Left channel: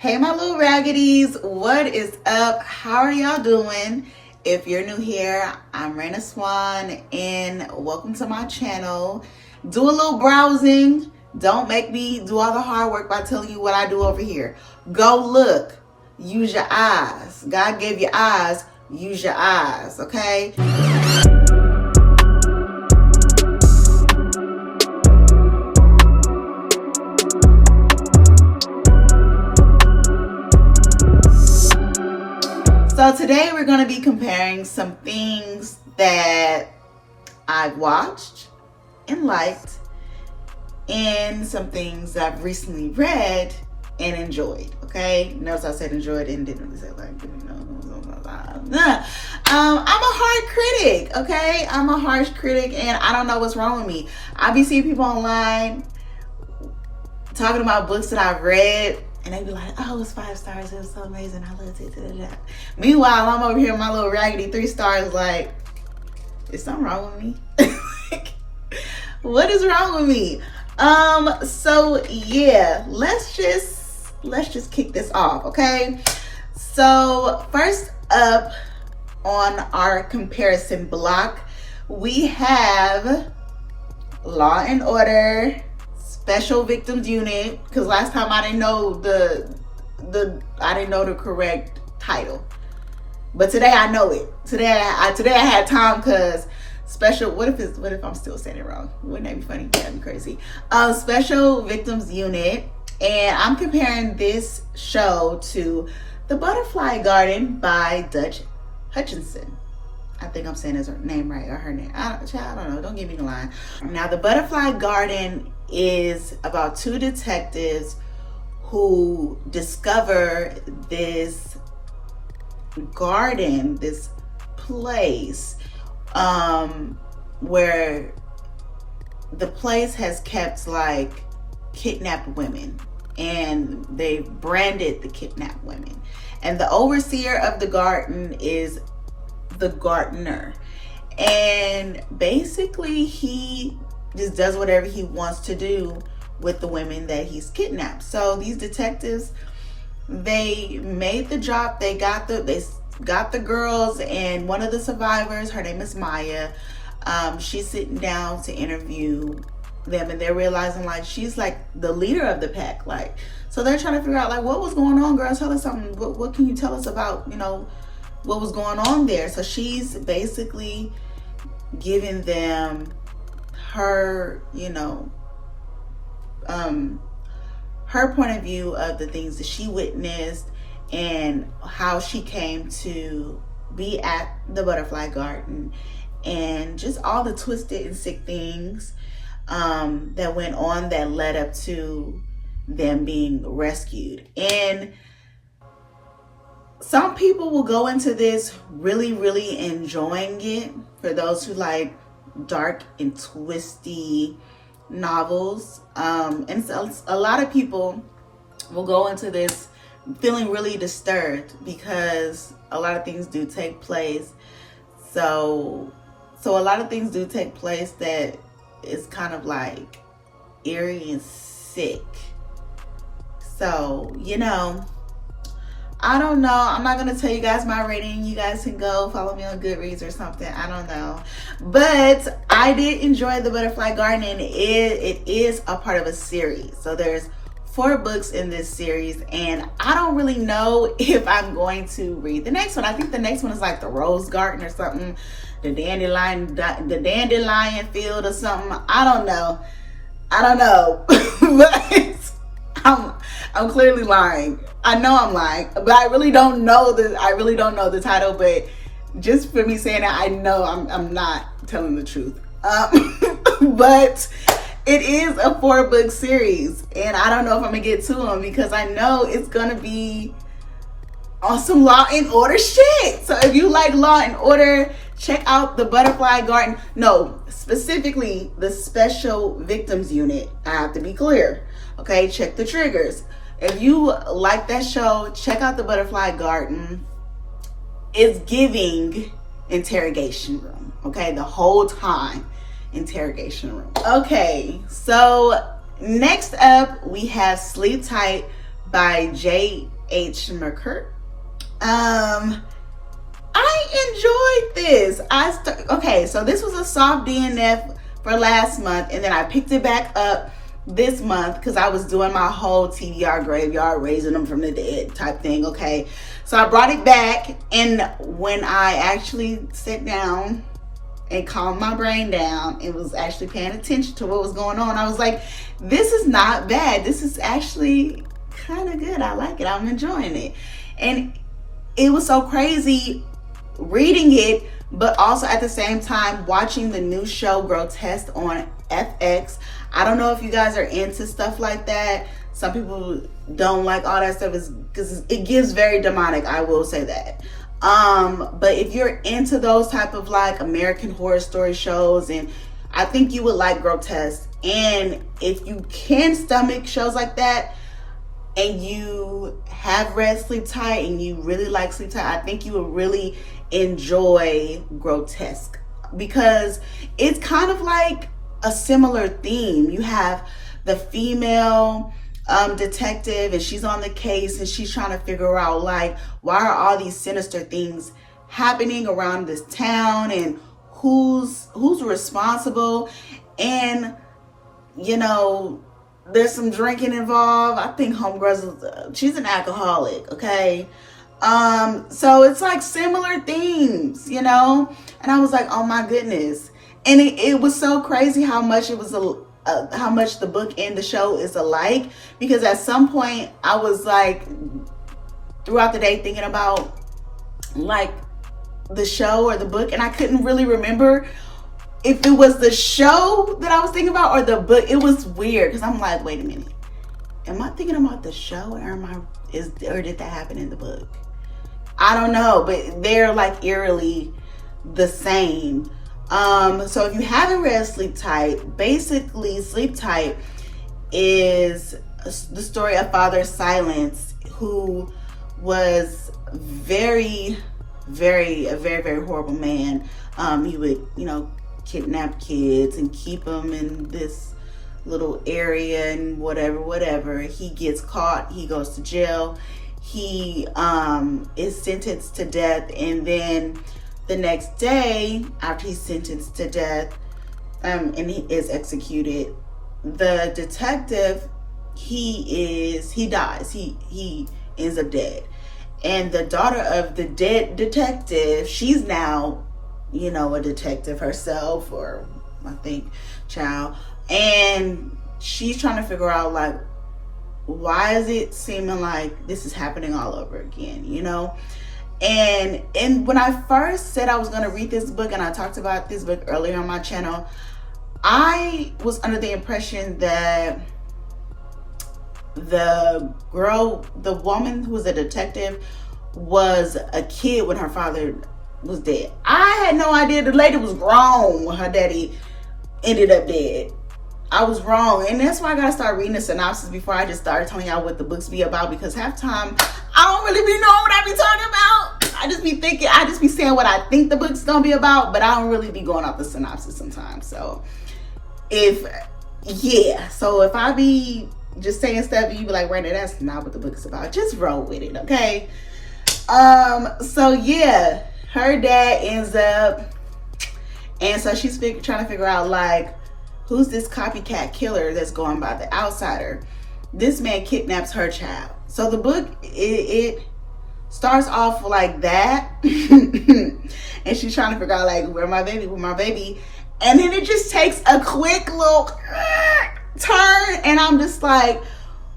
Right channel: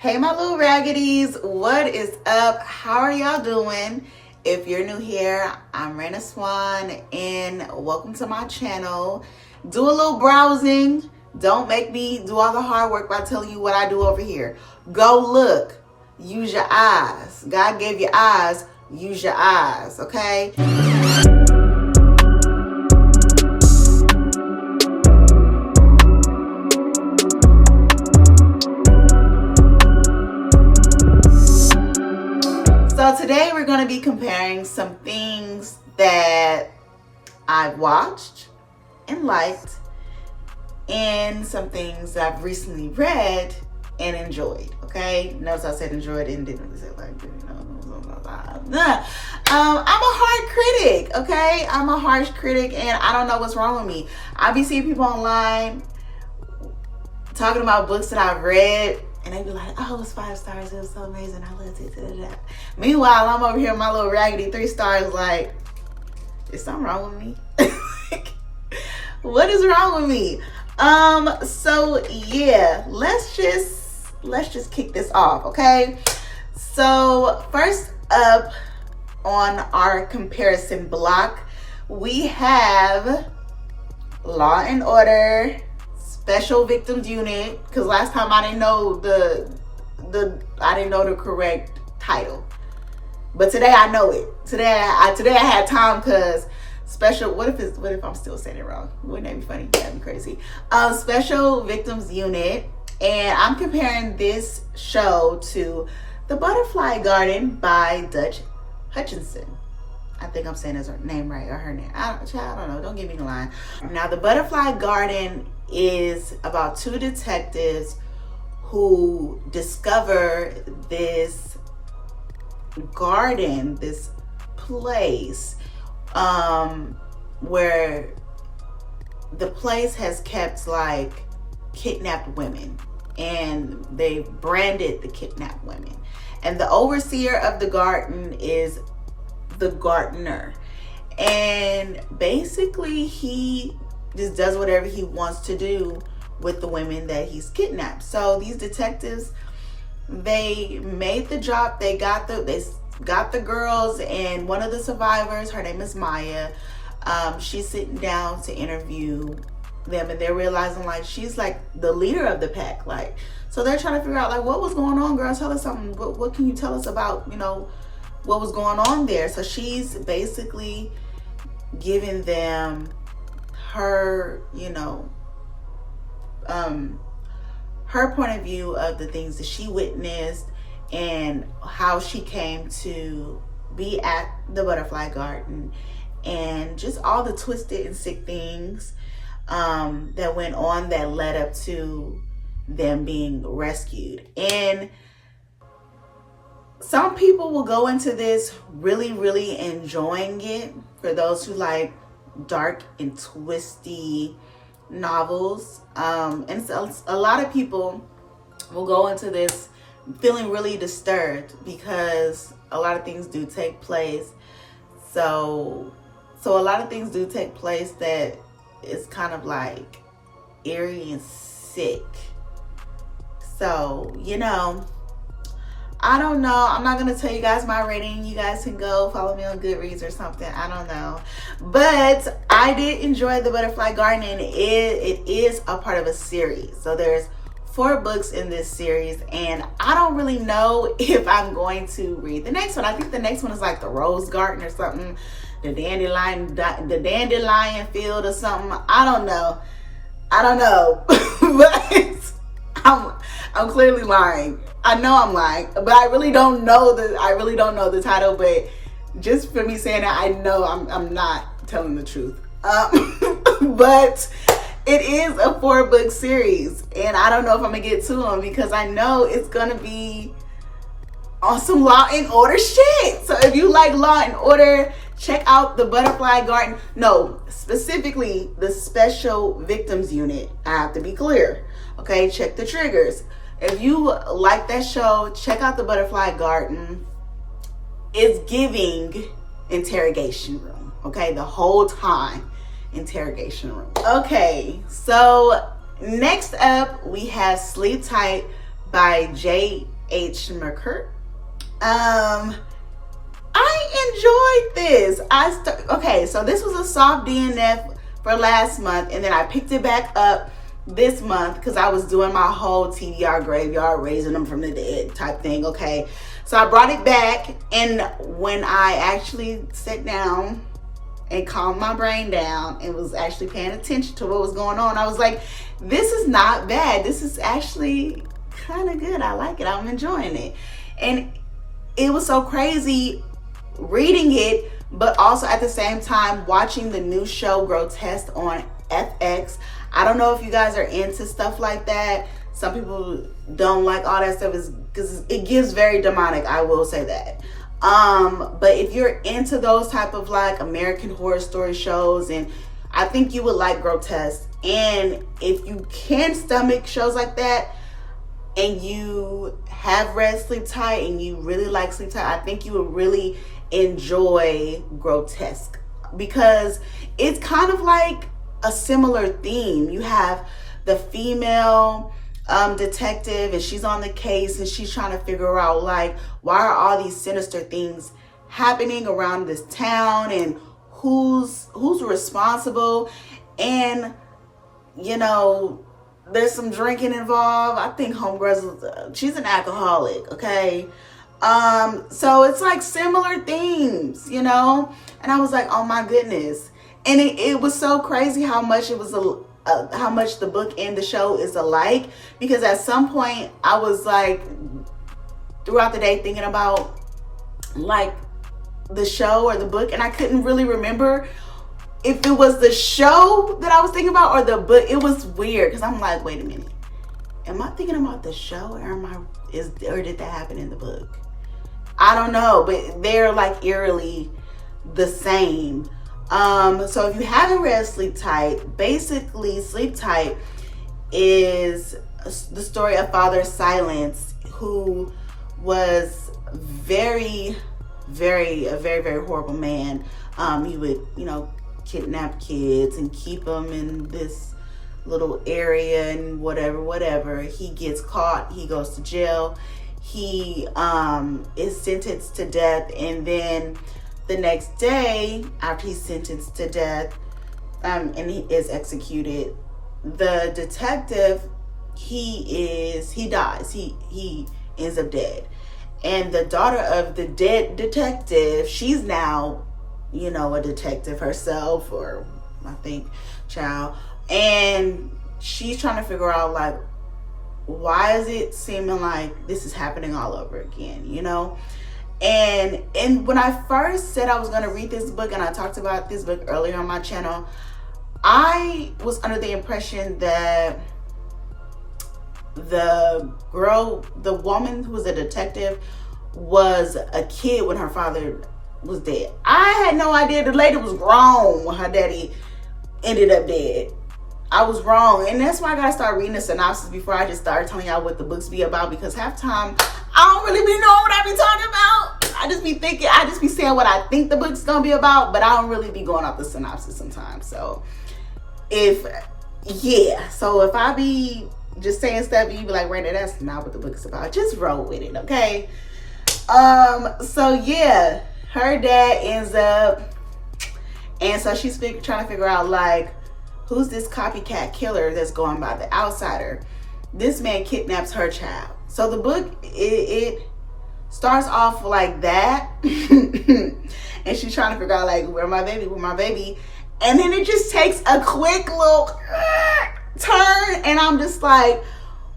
Hey my little raggities, what is up? How are y'all doing? If you're new here, I'm Raina Swan and welcome to my channel. Do a little browsing. Don't make me do all the hard work by telling you what I do over here. Go look. Use your eyes. God gave you eyes. Use your eyes, okay? So today we're going to be comparing some things that I've watched and liked and some things that I've recently read and enjoyed. Okay, notice I said enjoyed and didn't say like, I'm a hard critic. Okay, I'm a harsh critic and I don't know what's wrong with me. I be seeing people online talking about books that I've read and they be like, oh, it's 5 stars, it was so amazing, I loved it. Meanwhile, I'm over here with my little raggedy 3 stars like, is something wrong with me? What is wrong with me? So yeah, let's just kick this off, okay? So first up on our comparison block, we have Law and Order Special Victims Unit, because last time I didn't know the correct title, but today I know it. Today I had time because special. What if I'm still saying it wrong? Wouldn't that be funny? That'd be crazy. Special Victims Unit, and I'm comparing this show to The Butterfly Garden by Dutch Hutchinson. I think I'm saying his name right, or her name. I don't know. Don't give me the line. Now, The Butterfly Garden is about 2 detectives who discover this garden, this place, where the place has kept like kidnapped women, and they branded the kidnapped women. And the overseer of the garden is the gardener, and basically he just does whatever he wants to do with the women that he's kidnapped. So these detectives, they made the drop. They got the girls, and one of the survivors, her name is Maya, she's sitting down to interview them, and they're realizing like she's like the leader of the pack, like, so they're trying to figure out like what was going on, girl. Tell us something. What can you tell us about, what was going on there? So she's basically giving them her, her point of view of the things that she witnessed and how she came to be at the Butterfly Garden, and just all the twisted and sick things that went on that led up to them being rescued. And some people will go into this really, really enjoying it. For those who like dark and twisty novels, and so a lot of people will go into this feeling really disturbed because a lot of things do take place. So a lot of things do take place that is kind of like eerie and sick. So, I don't know. I'm not going to tell you guys my rating. You guys can go follow me on Goodreads or something. I don't know. But I did enjoy The Butterfly Garden, and it is a part of a series. So there's 4 books in this series, and I don't really know if I'm going to read the next one. I think the next one is like the Rose Garden or something, the Dandelion Field or something. I don't know. But I'm clearly lying. I know I'm lying, but I really don't know the title. But just for me saying that, I know I'm not telling the truth. But it is a 4-book series, and I don't know if I'm gonna get to them because I know it's gonna be on some Law and Order shit. So if you like Law and Order, check out The Butterfly Garden. No, specifically the Special Victims Unit. I have to be clear. Okay, check the triggers. If you like that show, check out The Butterfly Garden. It's giving interrogation room. Okay, the whole time, interrogation room. Okay, so next up we have Sleep Tight by J.H. McCurt. I enjoyed this. Okay, so this was a soft DNF for last month, and then I picked it back up this month because I was doing my whole TBR graveyard, raising them from the dead type thing. Okay, so I brought it back, and when I actually sat down and calmed my brain down and was actually paying attention to what was going on, I was like, this is not bad. This is actually kind of good. I like it. I'm enjoying it. And it was so crazy reading it, but also at the same time watching the new show Grotesque on FX. I don't know if you guys are into stuff like that. Some people don't like all that stuff because it gives very demonic, I will say that. But if you're into those type of like American Horror Story shows, and I think you would like Grotesque. And if you can stomach shows like that, and you have read Sleep Tight and you really like Sleep Tight, I think you would really enjoy Grotesque, because it's kind of like a similar theme. You have the female detective, and she's on the case, and she's trying to figure out like, why are all these sinister things happening around this town, and who's responsible. And you know, there's some drinking involved. I think homegirl, she's an alcoholic, okay? So it's like similar themes, you know? And I was like, oh my goodness. And it was so crazy how much it was how much the book and the show is alike, because at some point I was like throughout the day thinking about like the show or the book, and I couldn't really remember if it was the show that I was thinking about or the book. It was weird because I'm like, wait a minute, am I thinking about the show, or did that happen in the book? I don't know, but they're like eerily the same. So if you haven't read Sleep Tight, basically Sleep Tight is the story of Father Silence, who was a very, very horrible man. He would, you know, kidnap kids and keep them in this little area and whatever. He gets caught, he goes to jail, he is sentenced to death, and then the next day after he's sentenced to death and he is executed, the detective, he dies, he ends up dead. And the daughter of the dead detective, she's now, you know, a detective herself, or I think child, and she's trying to figure out like, why is it seeming like this is happening all over again, you know? And when I first said I was going to read this book, and I talked about this book earlier on my channel, I was under the impression that the woman who was a detective was a kid when her father was dead. I had no idea the lady was grown when her daddy ended up dead. I was wrong, and that's why I gotta start reading the synopsis before I just start telling y'all what the books be about, because half time I don't really be knowing what I be talking about. I just be saying what I think the book's gonna be about, but I don't really be going off the synopsis sometimes. So if I be just saying stuff and you be like, Randy, that's not what the book is about, just roll with it, okay? So yeah, her dad ends up, and so she's trying to figure out like, who's this copycat killer that's going by the outsider? This man kidnaps her child. So the book, it starts off like that. And she's trying to figure out like, where my baby? And then it just takes a quick little turn. And I'm just like,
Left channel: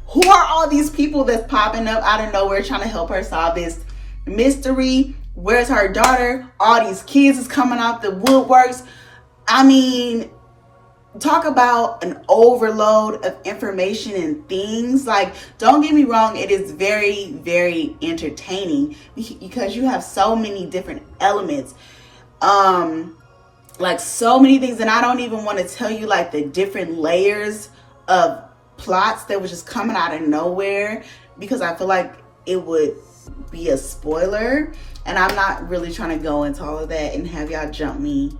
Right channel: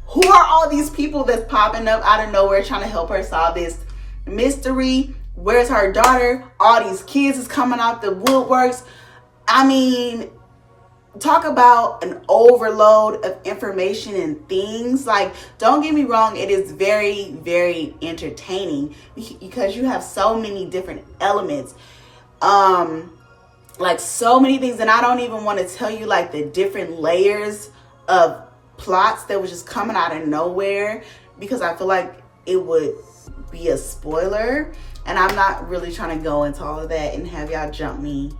who are all these people that's popping up out of nowhere trying to help her solve this mystery? Where's her daughter? All these kids is coming out the woodworks. I mean, talk about an overload of information and things. Like, don't get me wrong, it is very, very entertaining because you have so many different elements, like so many things, and I don't even want to tell you like the different layers of plots that was just coming out of nowhere, because I feel like it would be a spoiler, and I'm not really trying to go into all of that and have y'all jump me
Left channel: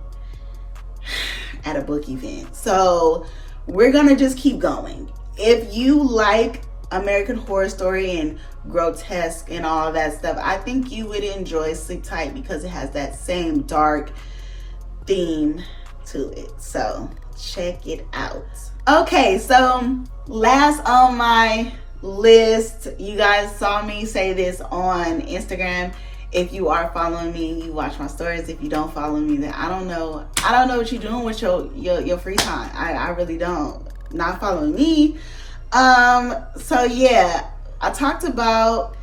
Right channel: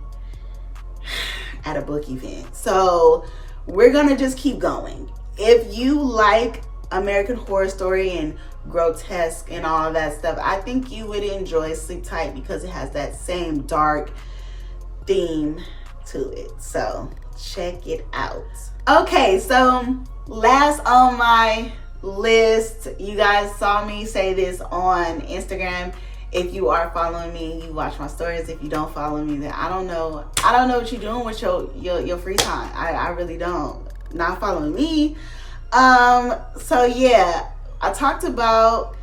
at a book event. So we're gonna just keep going. If you like American Horror Story and grotesque and all of that stuff, I think you would enjoy Sleep Tight because it has that same dark theme to it. So check it out. Okay, so last on my list, you guys saw me say this on Instagram. If you are following me, you watch my stories. If you don't follow me, then I don't know what you're doing with your free time. I really don't. Not following me. So yeah, I talked about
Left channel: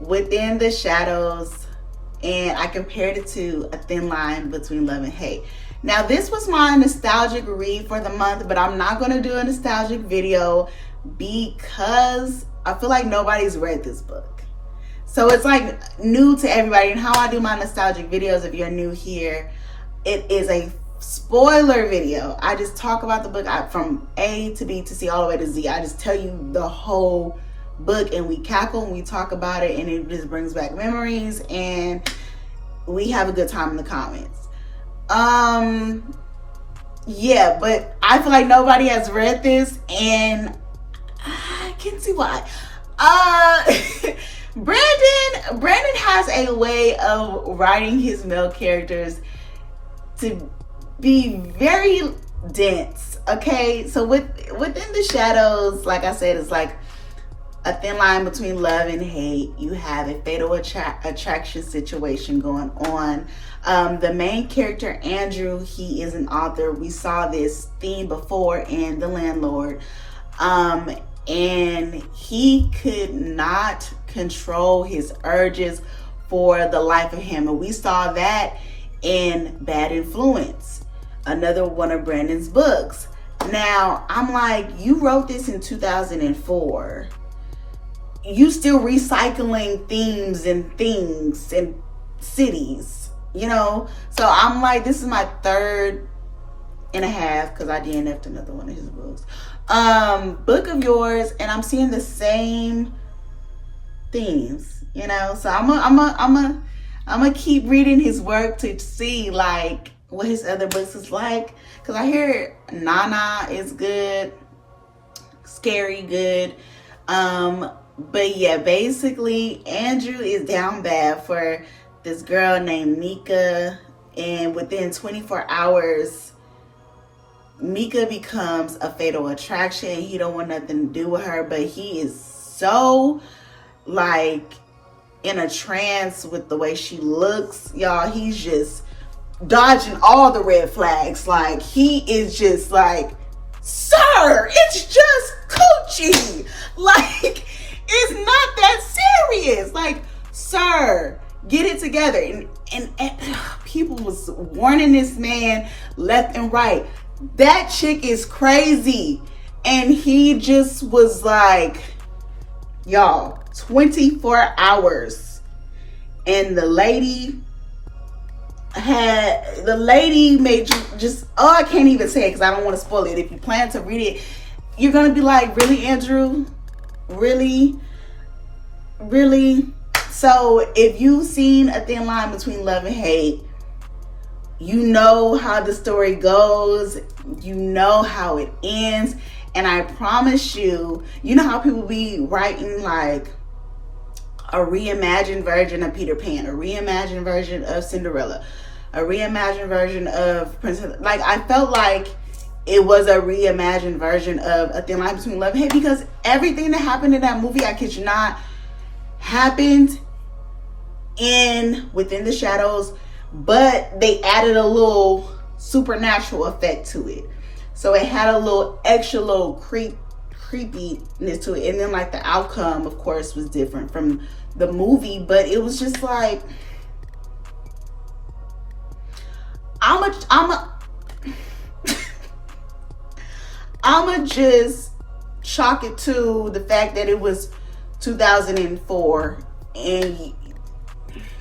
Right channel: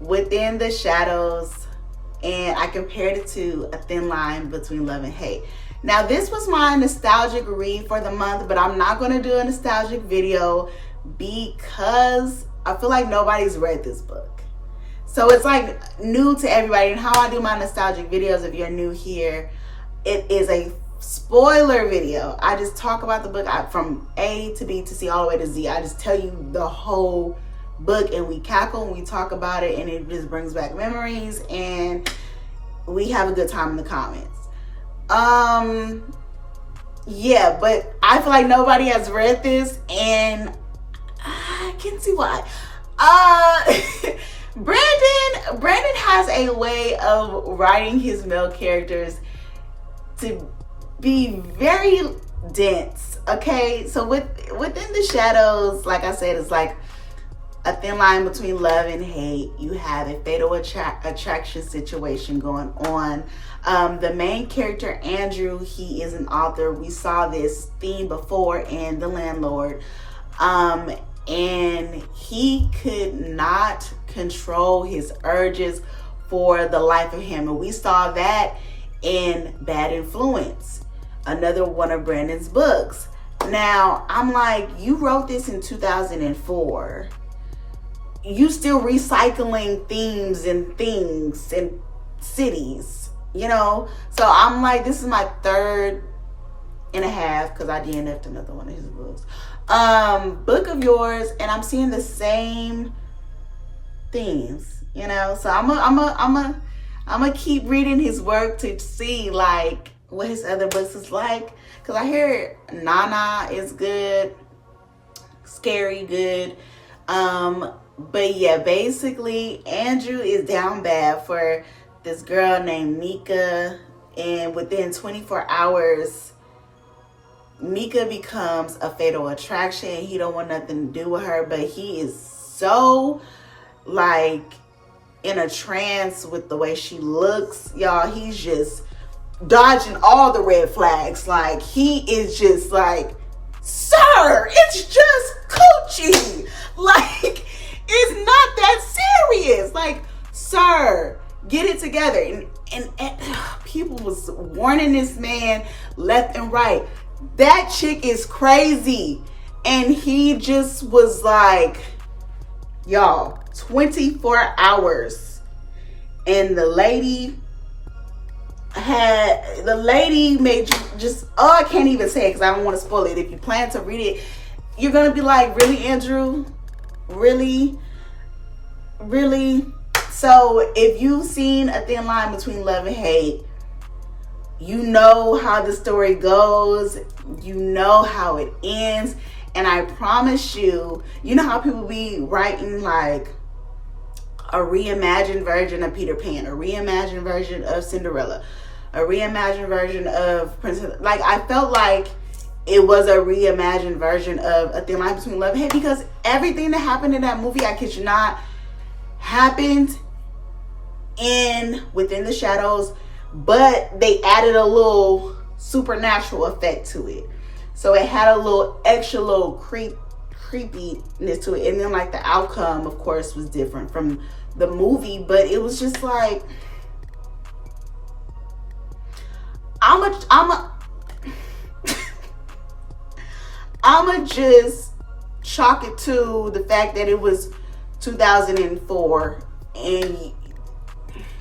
Within the Shadows, and I compared it to A Thin Line Between Love and Hate. Now, this was my nostalgic read for the month, but I'm not going to do a nostalgic video because I feel like nobody's read this book. So it's like new to everybody. And how I do my nostalgic videos, if you're new here, it is a spoiler video. I just talk about the book from A to B to C all the way to Z. I just tell you the whole book, and we cackle and we talk about it, and it just brings back memories, and we have a good time in the comments. Yeah, but I feel like nobody has read this, and I can see why. Brandon has a way of writing his male characters to be very dense. Okay, so Within the Shadows, like I said, it's like a thin line between love and hate. You have a fatal attraction situation going on. The main character, Andrew, he is an author. We saw this theme before in The Landlord. And he could not control his urges for the life of him. And we saw that in Bad Influence, another one of Brandon's books. Now, I'm like, you wrote this in 2004. You still recycling themes and things and cities, you know? So I'm like, this is my 3.5 because I DNF'd another one of his books. Book of yours, and I'm seeing the same themes, you know? So I'm gonna keep reading his work to see like what his other books is like, because I hear Nana is good, Scary good. But yeah, basically Andrew is down bad for this girl named Mika, and within 24 hours Mika becomes a fatal attraction. He don't want nothing to do with her, but he is so like in a trance with the way she looks, y'all. He's just dodging all the red flags. Like, he is just like, sir, it's just coochie. Like, it's not that serious. Like, sir, get it together. And people was warning this man left and right. That chick is crazy. And he just was like, y'all, 24 hours. And the lady made you just, oh, I can't even say it because I don't want to spoil it. If you plan to read it, you're going to be like, really, Andrew? Really? So if you've seen A Thin Line Between Love and Hate, you know how the story goes. You know how it ends. And I promise you, you know how people be writing like a reimagined version of Peter Pan, a reimagined version of Cinderella, a reimagined version of Princess. Like, I felt like it was a reimagined version of A Thin Line Between Love and Hate, because everything that happened in that movie, I kid you not, happened in Within the Shadows, but they added a little supernatural effect to it. So it had a little extra little creepiness to it. And then like the outcome, of course, was different from the movie, but it was just like, I'ma just chalk it to the fact that it was 2004 and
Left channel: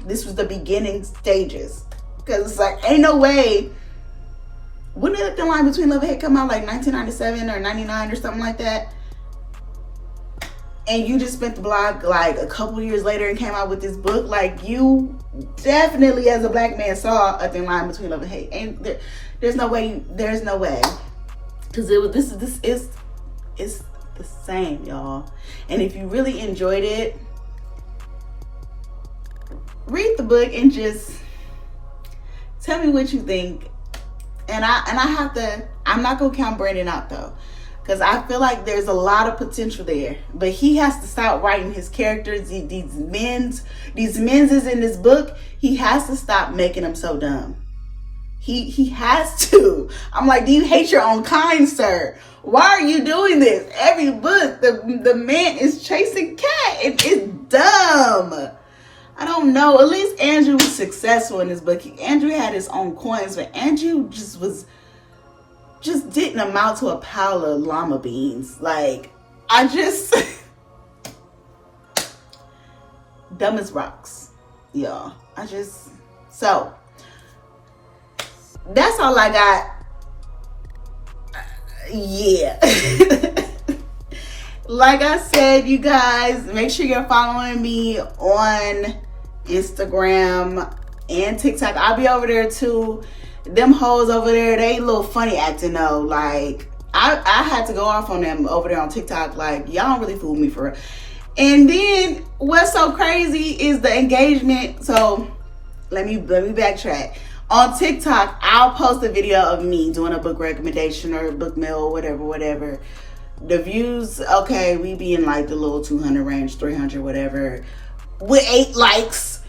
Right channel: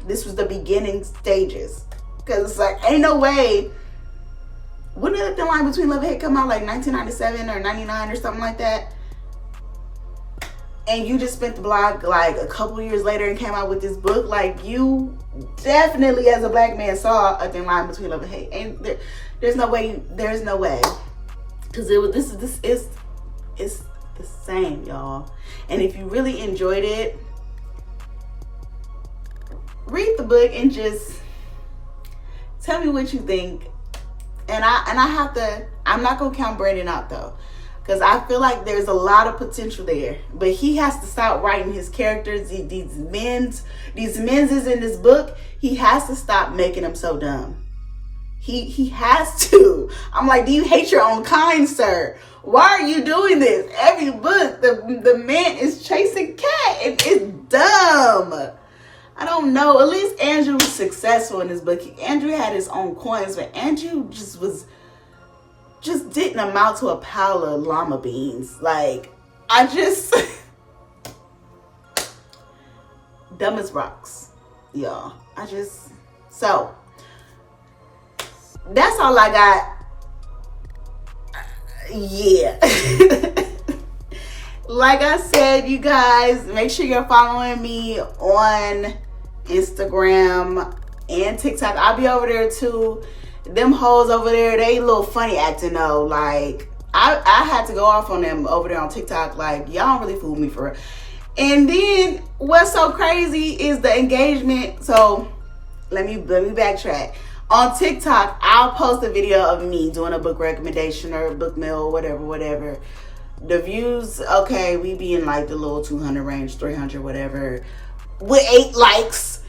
this was the beginning stages. Because it's like, ain't no way. When did The Line Between Love and Hate come out? Like 1997 or 99 or something like that? And you just spent the block like a couple years later and came out with this book. Like, you definitely, as a black man, saw A Thin Line Between Love and Hate. And there's no way. Because this is the same, y'all. And if you really enjoyed it, read the book and just tell me what you think. And I'm not gonna count Brandon out though, because I feel like there's a lot of potential there. But he has to stop writing his characters, these men's is in this book. He has to stop making them so dumb. He has to. I'm like, do you hate your own kind, sir? Why are you doing this? Every book, the man is chasing cat. It's dumb. I don't know. At least Andrew was successful in this book. Andrew had his own coins, but Andrew just didn't amount to a pile of llama beans. Like, dumb as rocks, y'all. So that's all I got. Yeah. Like I said, you guys, make sure you're following me on Instagram and TikTok. I'll be over there too. Them hoes over there, they a little funny acting though. Like, I had to go off on them over there on TikTok. Like, y'all don't really fool me for real. And then what's so crazy is the engagement. So let me backtrack. On TikTok, I'll post a video of me doing a book recommendation or a book mail, whatever. The views, okay, we be in like the little 200 range, 300, whatever, with 8 likes.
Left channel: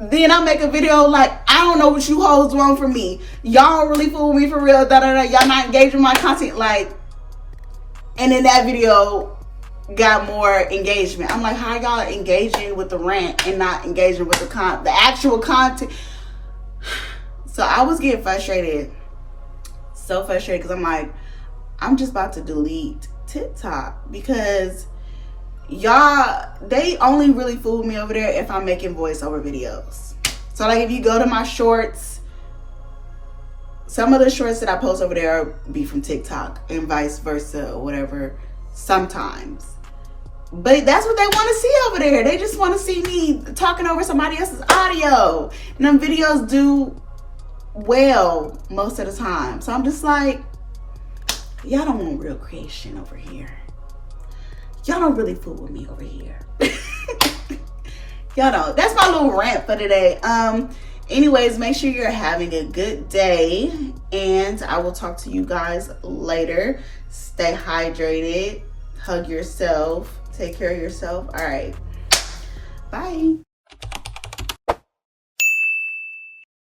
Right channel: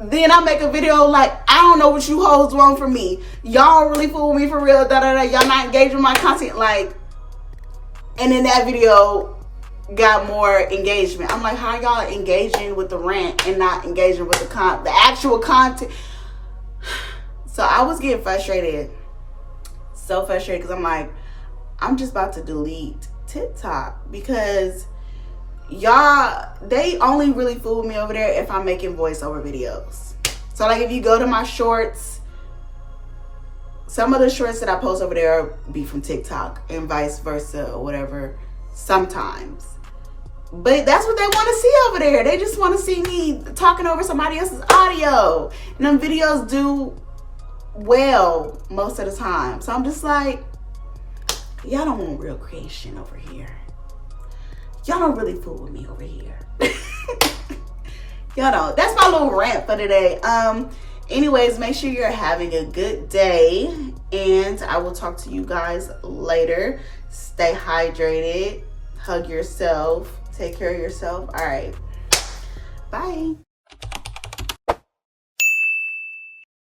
Then I make a video like, I don't know what you hoes want from me. Y'all really fool me for real, Y'all not engaging with my content, like. And then that video got more engagement. I'm like, how y'all engaging with the rant and not engaging with the actual content? So I was getting frustrated, so frustrated, because I'm like, I'm just about to delete TikTok because y'all, they only really fool me over there if I'm making voiceover videos. So like, if you go to my shorts, some of the shorts that I post over there be from TikTok and vice versa or whatever sometimes. But that's what they want to see over there. They just want to see me talking over somebody else's audio. And them videos do well most of the time. So I'm just like, y'all don't want real creation over here. Y'all don't really fool with me over here. Y'all don't. That's my little rant for today. Anyways, make sure you're having a good day, and I will talk to you guys later. Stay hydrated, hug yourself, take care of yourself. All right, bye.